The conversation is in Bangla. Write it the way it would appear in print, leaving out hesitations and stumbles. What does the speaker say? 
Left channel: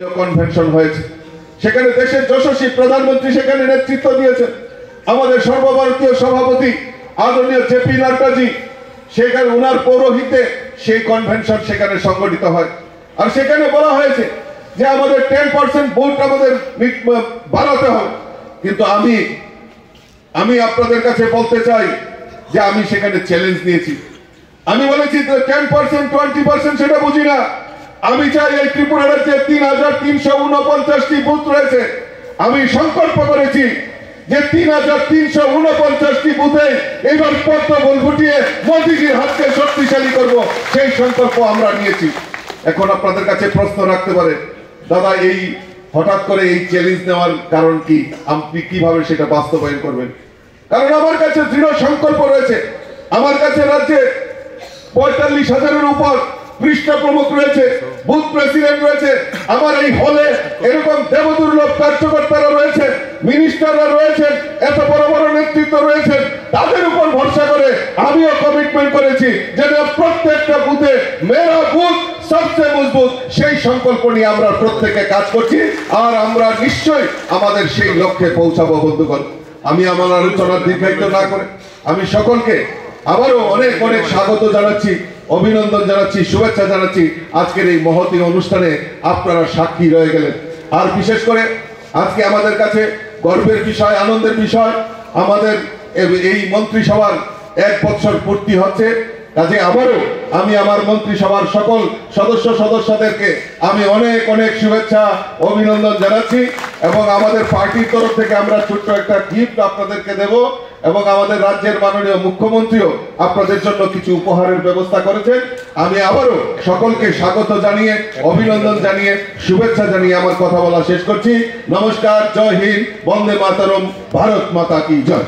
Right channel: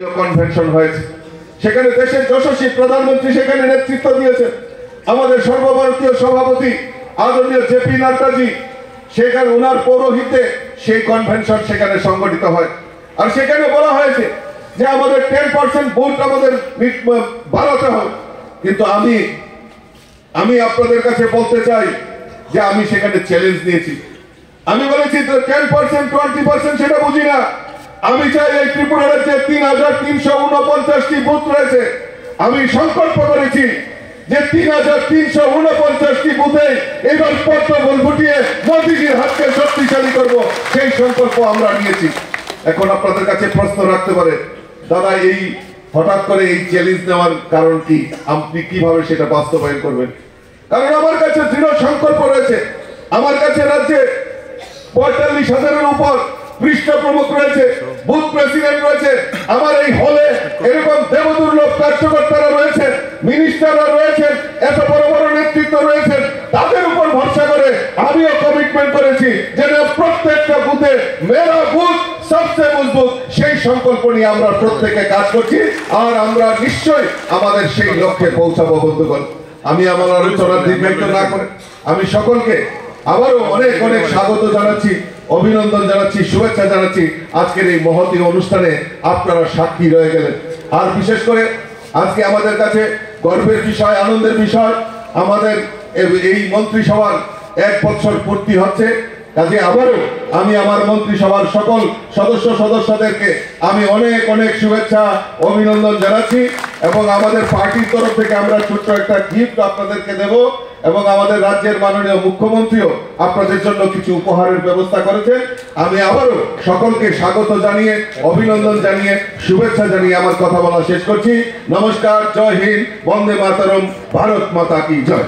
কনভেনশন হয়েছে, সেখানে দেশের যশস্বী প্রধানমন্ত্রী সেখানে নেতৃত্ব দিয়েছেন। আমাদের সর্বভারতীয় সভাপতি আদরণীয় জেপি নাড্ডাজি সেখানে ওনার পৌরোহিত্যে সেই কনভেনশন সেখানে সংগঠিত হয়। আর সেখানে বলা হয়েছে যে আমাদের 10% ভোট আমাদের বাড়াতে হবে। কিন্তু আমি আপনাদের কাছে বলতে চাই যে আমি সেখানে চ্যালেঞ্জ দিয়েছি। আমি বলেছি 10% 20% সেটা বুঝি না। আমি চাই এই ত্রিপুরা রাজ্যে 3349টি বুথ রয়েছে। আমি সংকল্প করেছি যে 3349টি বুথে এবার পদ্মফুল ফুটিয়ে মোদিজির হাতকে শক্তিশালী করব, সেই সংকল্প আমরা নিয়েছি। এখন আপনাদের কাছে প্রশ্ন রাখতে পারে, দাদা এই হঠাৎ করে এই চ্যালেঞ্জ নেওয়ার কারণ কি, আপনি কিভাবে সেটা বাস্তবায়ন করবেন? কারণ আমার কাছে দৃঢ় সংকল্প রয়েছে। আমার কাছে রাজ্যে 45,000-এর উপর পৃষ্ঠ প্রমুখ রয়েছে, বুথ প্রেসিডেন্ট রয়েছে। আমার এই হলে এরকম দেবদুর্লভ কার্যকর্তারা রয়েছে, মিনিস্টাররা রয়েছেন, এত বড় বড় নেতৃত্ব রয়েছেন। তাদের উপর ভরসা করে আমিও কমিটমেন্ট করেছি যে প্রত্যেকটা বুথে মেরা বুথ সবচেয়ে মজবুত, সেই সংকল্প নিয়ে আমরা প্রত্যেকে কাজ করছি। আর আমরা নিশ্চয়ই আমাদের সেই লক্ষ্যে পৌঁছাবো। বন্ধুগণ, আমি আমার আলোচনার দীর্ঘায়িত না করে আমি সকলকে আবারও অনেক অনেক স্বাগত জানাচ্ছি, অভিনন্দন জানাচ্ছি, শুভেচ্ছা জানাচ্ছি। আজকের এই মহতী অনুষ্ঠানে আপনারা সাক্ষী রয়ে গেলেন। আর বিশেষ করে আজকে আমাদের কাছে গর্বের বিষয়, আনন্দের বিষয়, আমাদের এই মন্ত্রিসভার 1 বছর পূর্তি হচ্ছে। কাজে আবারও আমি আমার মন্ত্রিসভার সকল সদস্যদেরকে আমি অনেক অনেক শুভেচ্ছা অভিনন্দন জানাচ্ছি। এবং আমাদের পার্টির তরফ থেকে আমরা ছোট্ট একটা গিফট আপনাদেরকে দেব। এবং আমাদের রাজ্যের মাননীয় মুখ্যমন্ত্রীও আপনাদের জন্য কিছু উপহারের ব্যবস্থা করেছেন। আমি আবারও সকলকে স্বাগত জানিয়ে, অভিনন্দন জানিয়ে, শুভেচ্ছা জানিয়ে আমার কথা বলা শেষ করছি। নমস্কার, জয় হিন্দ, বন্দে মাতরম, ভারত মাতা কি জয়।